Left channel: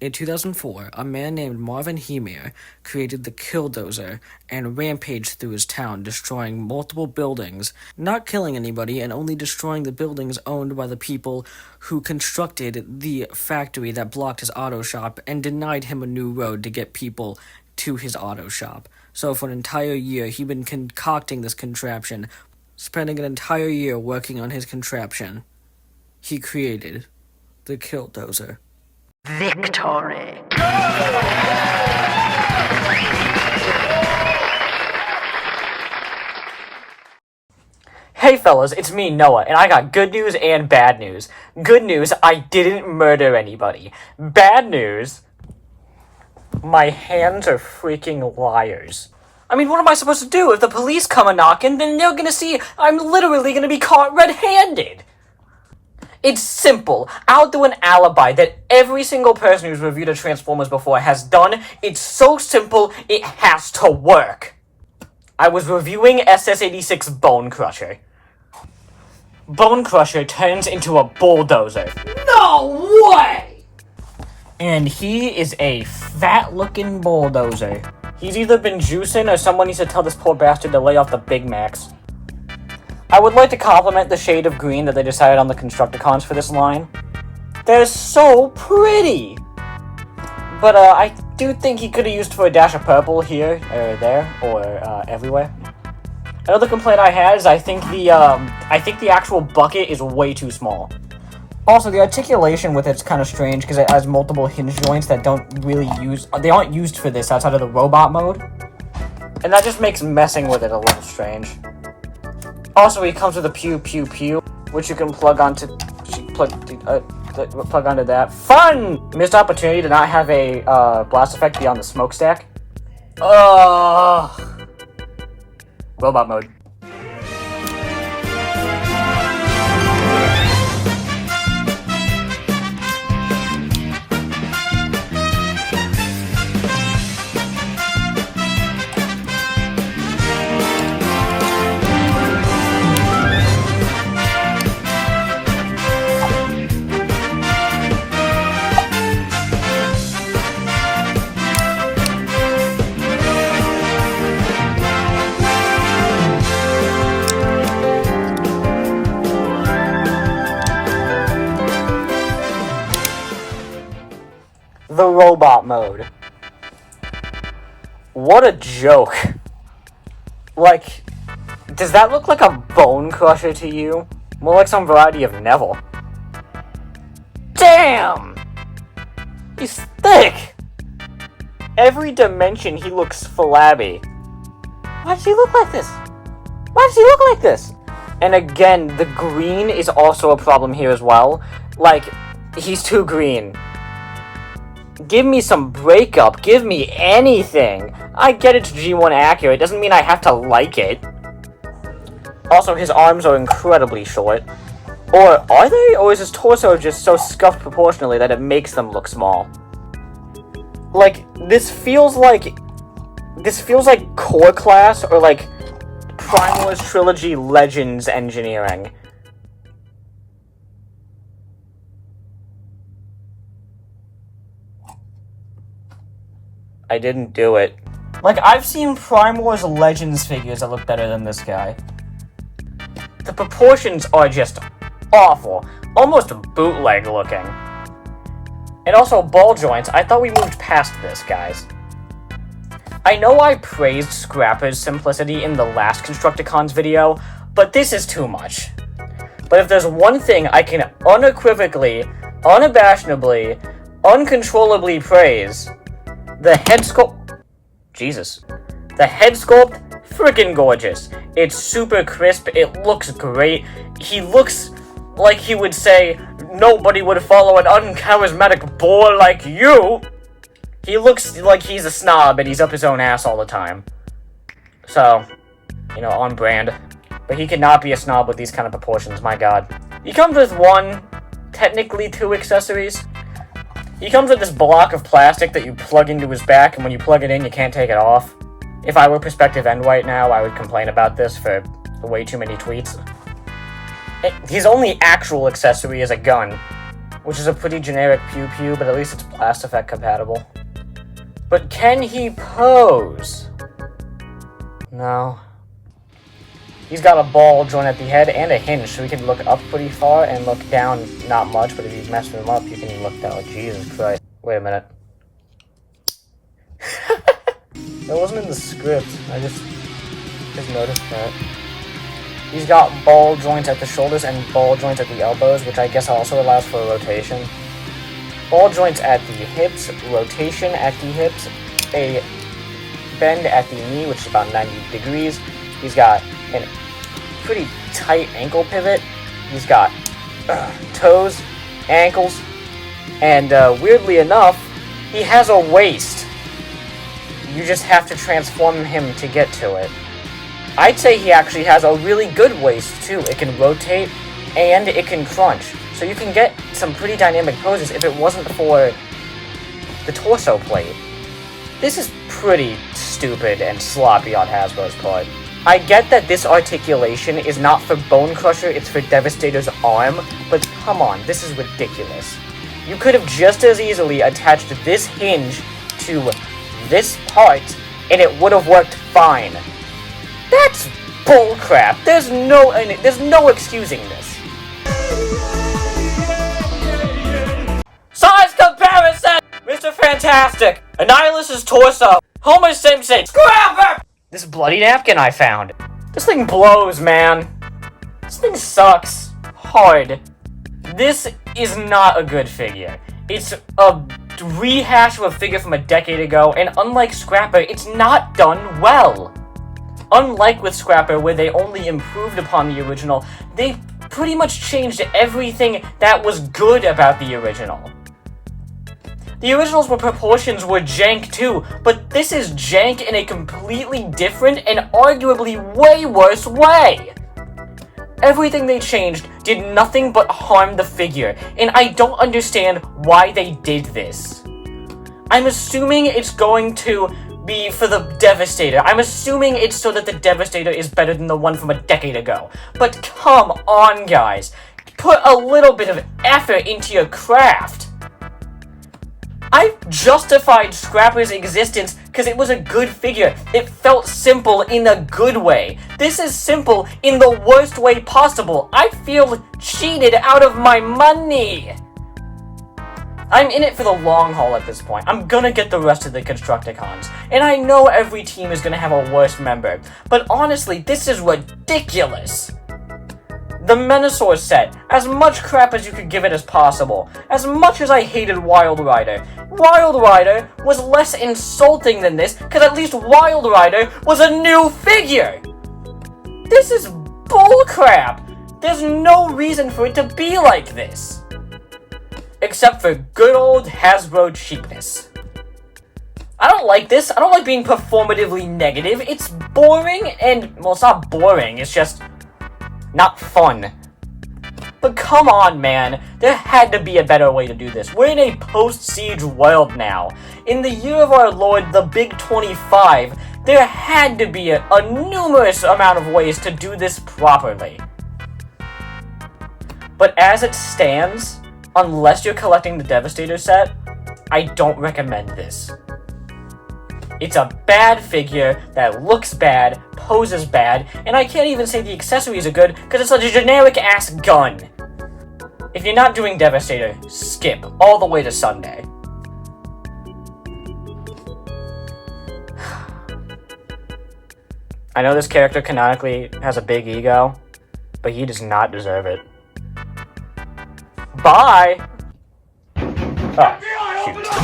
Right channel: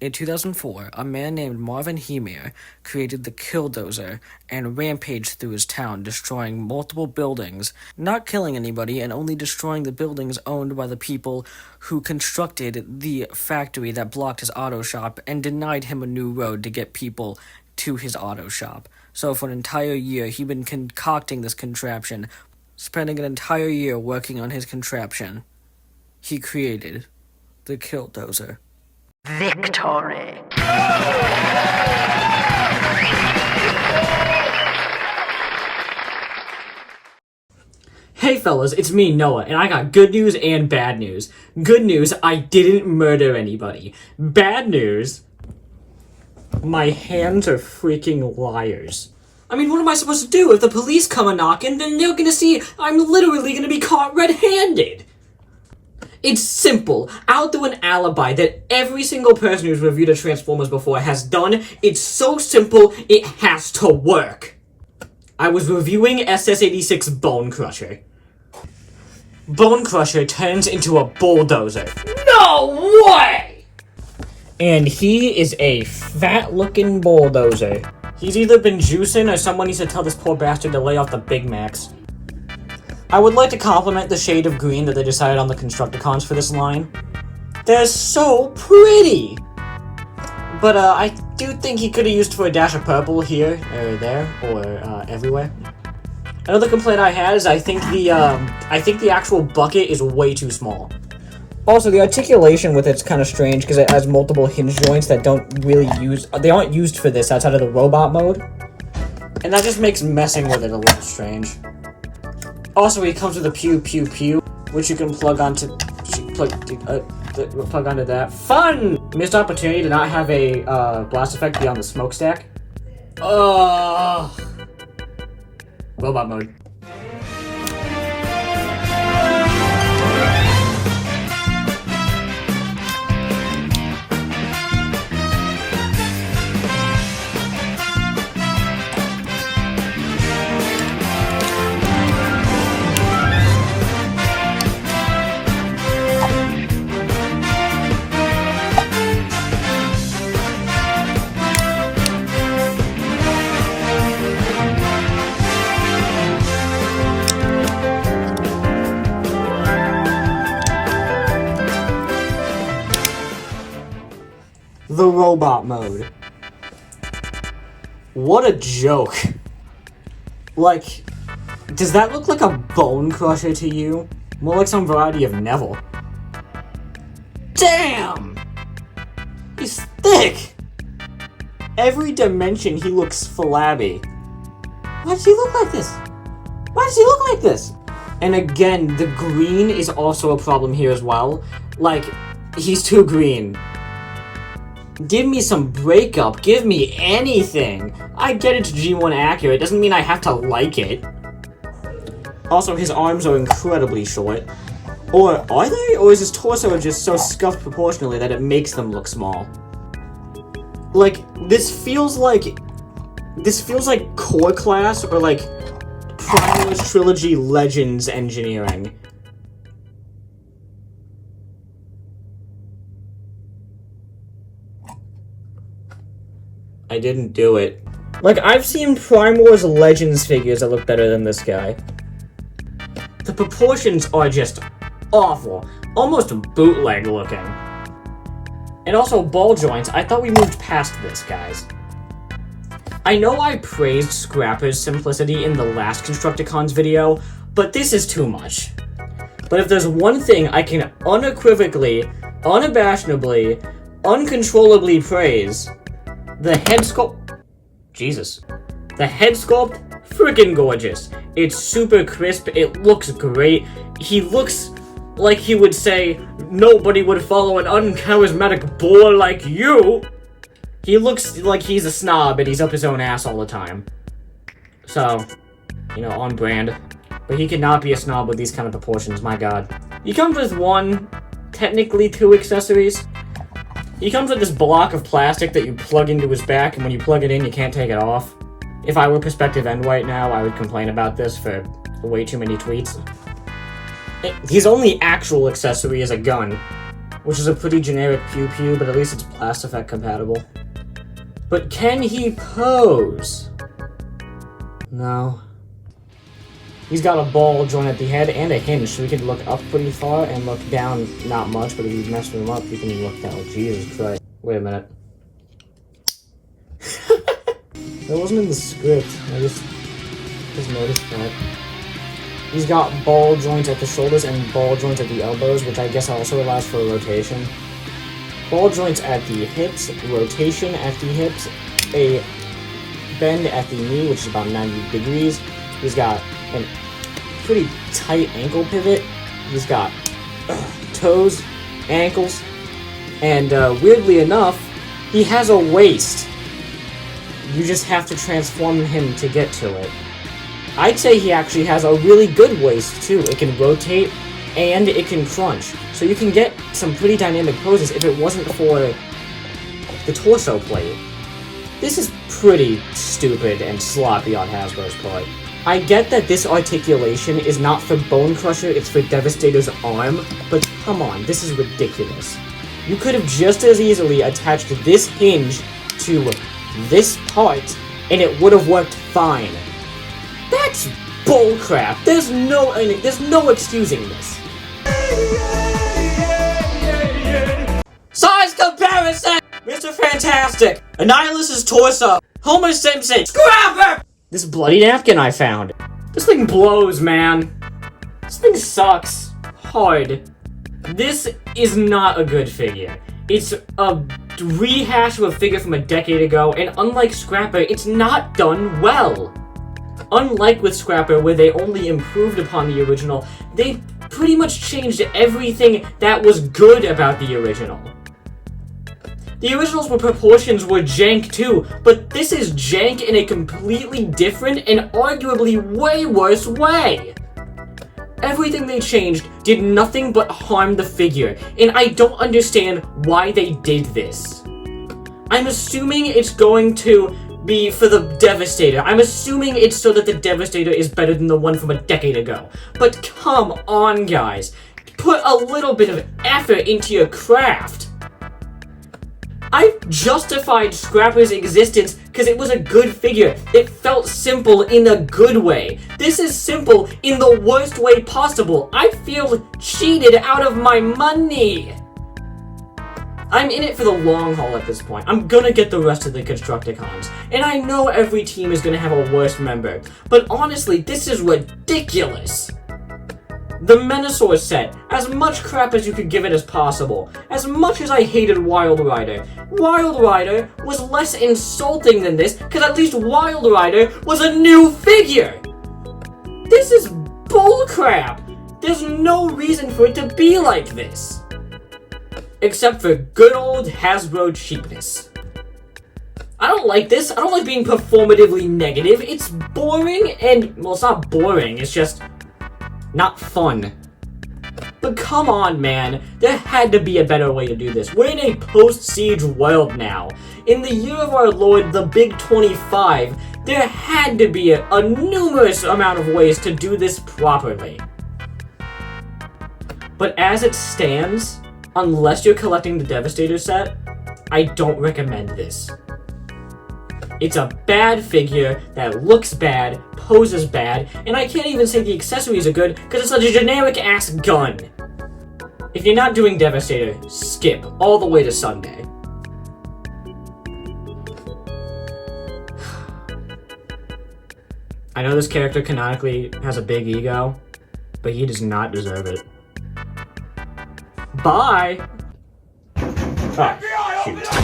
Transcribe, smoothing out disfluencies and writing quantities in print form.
In 2004, a man named Marvin Heemere created the Killdozer and rampaged through his town, destroying multiple buildings, not killing anybody, and only destroying the buildings owned by the people who constructed the factory that blocked his auto shop and denied him a new road to get people to his auto shop. So for an entire year, he'd been concocting this contraption, spending an entire year working on his contraption. He created the Killdozer. Victory! Hey fellas, it's me, Noah, and I got good news and bad news. Good news, I didn't murder anybody. Bad news, my hands are freaking liars. I mean, what am I supposed to do? If the police come a-knocking, then they're gonna see I'm literally gonna be caught red-handed. It's simple. I'll do an alibi that every single person who's reviewed a Transformers before has done. It's so simple, it has to work. I was reviewing SS86 BONECRUSHER. BONECRUSHER turns into a bulldozer. No way! And he is a fat-looking bulldozer. He's either been juicing or someone needs to tell this poor bastard to lay off the Big Macs. I would like to compliment the shade of green that they decided on the Constructicons for this line. They're so pretty! But, I do think he could have used for a dash of purple here, or there, or, everywhere. Another complaint I had is I think the actual bucket is way too small. Also, the articulation with it's kind of strange because it has multiple hinge joints that they aren't used for this outside of the robot mode. And that just makes messing with it a little strange. Also, he comes with a pew pew pew, which you can plug onto that. Fun! Missed opportunity to not have a blast effect beyond the smokestack. Robot mode. The robot mode. What a joke. Like, does that look like a bone crusher to you? More like some variety of Neville. Damn! He's thick! Every dimension he looks flabby. Why does he look like this? Why does he look like this? And again, the green is also a problem here as well. Like, he's too green. Give me some breakup. Give me anything. I get it's G1 accurate. Doesn't mean I have to like it. Also, his arms are incredibly short. Or are they? Or is his torso just so scuffed proportionally that it makes them look small? Like, this feels like core class or like Prime Wars Trilogy Legends engineering. I didn't do it. Like, I've seen Prime Wars Legends figures that look better than this guy. The proportions are just awful. Almost bootleg looking. And also ball joints. I thought we moved past this, guys. I know I praised Scrapper's simplicity in the last Constructicons video, but this is too much. But if there's one thing I can unequivocally, unabashedly, uncontrollably praise, the head sculpt... Jesus. The head sculpt, freaking gorgeous. It's super crisp, it looks great. He looks like he would say, nobody would follow an uncharismatic boy like you. He looks like he's a snob and he's up his own ass all the time. So, you know, on brand. But he cannot be a snob with these kind of proportions, my god. He comes with one, technically two accessories. He comes with this block of plastic that you plug into his back, and when you plug it in, you can't take it off. If I were Perspective End right now, I would complain about this for way too many tweets. His only actual accessory is a gun. which is a pretty generic pew-pew, but at least it's blast effect compatible. But can he pose? No. He's got a ball joint at the head and a hinge, so he can look up pretty far and look down not much, but if you mess him up, you can look down like Jesus Christ. Wait a minute. That wasn't in the script. I just noticed that. He's got ball joints at the shoulders and ball joints at the elbows, which I guess also allows for rotation. Ball joints at the hips, rotation at the hips, a bend at the knee, which is about 90 degrees. He's got a pretty tight ankle pivot. He's got toes, ankles, and weirdly enough, he has a waist. You just have to transform him to get to it. I'd say he actually has a really good waist too. It can rotate and it can crunch. So you can get some pretty dynamic poses if it wasn't for the torso plate. This is pretty stupid and sloppy on Hasbro's part. I get that this articulation is not for BONECRUSHER, it's for Devastator's arm, but come on, this is ridiculous. You could have just as easily attached this hinge to this part, and it would have worked fine. That's bullcrap. There's no excusing this. Size comparison! Mr. Fantastic! Annihilus' torso! Homer Simpson! Scrapper! This bloody napkin I found. This thing blows, man. This thing sucks. Hard. This is not a good figure. It's a rehash of a figure from a decade ago, and unlike Scrapper, it's not done well. Unlike with Scrapper, where they only improved upon the original, they pretty much changed everything that was good about the original. The original's proportions were jank too, but this is jank in a completely different and arguably way worse way. Everything they changed did nothing but harm the figure, and I don't understand why they did this. I'm assuming it's going to be for the Devastator. I'm assuming it's so that the Devastator is better than the one from a decade ago. But come on, guys. Put a little bit of effort into your craft. I've justified Scrapper's existence because it was a good figure. It felt simple in a good way. This is simple in the worst way possible. I feel cheated out of my money. I'm in it for the long haul at this point. I'm gonna get the rest of the Constructicons. And I know every team is gonna have a worse member. But honestly, this is ridiculous. The Menasor set, as much crap as you could give it as possible. As much as I hated Wild Rider, Wild Rider was less insulting than this, because at least Wild Rider was a new figure! This is bullcrap! There's no reason for it to be like this. Except for good old Hasbro cheapness. I don't like this. I don't like being performatively negative. It's boring and, well, it's not boring, it's just not fun. But come on, man. There had to be a better way to do this. We're in a post-Siege world now. In the year of our Lord, the Big 25, there had to be a numerous amount of ways to do this properly. But as it stands, unless you're collecting the Devastator set, I don't recommend this. It's a bad figure that looks bad, poses bad, and I can't even say the accessories are good because it's a generic-ass gun. If you're not doing Devastator, skip all the way to Sunday. I know this character canonically has a big ego, but he does not deserve it. Bye! Oh, shoot.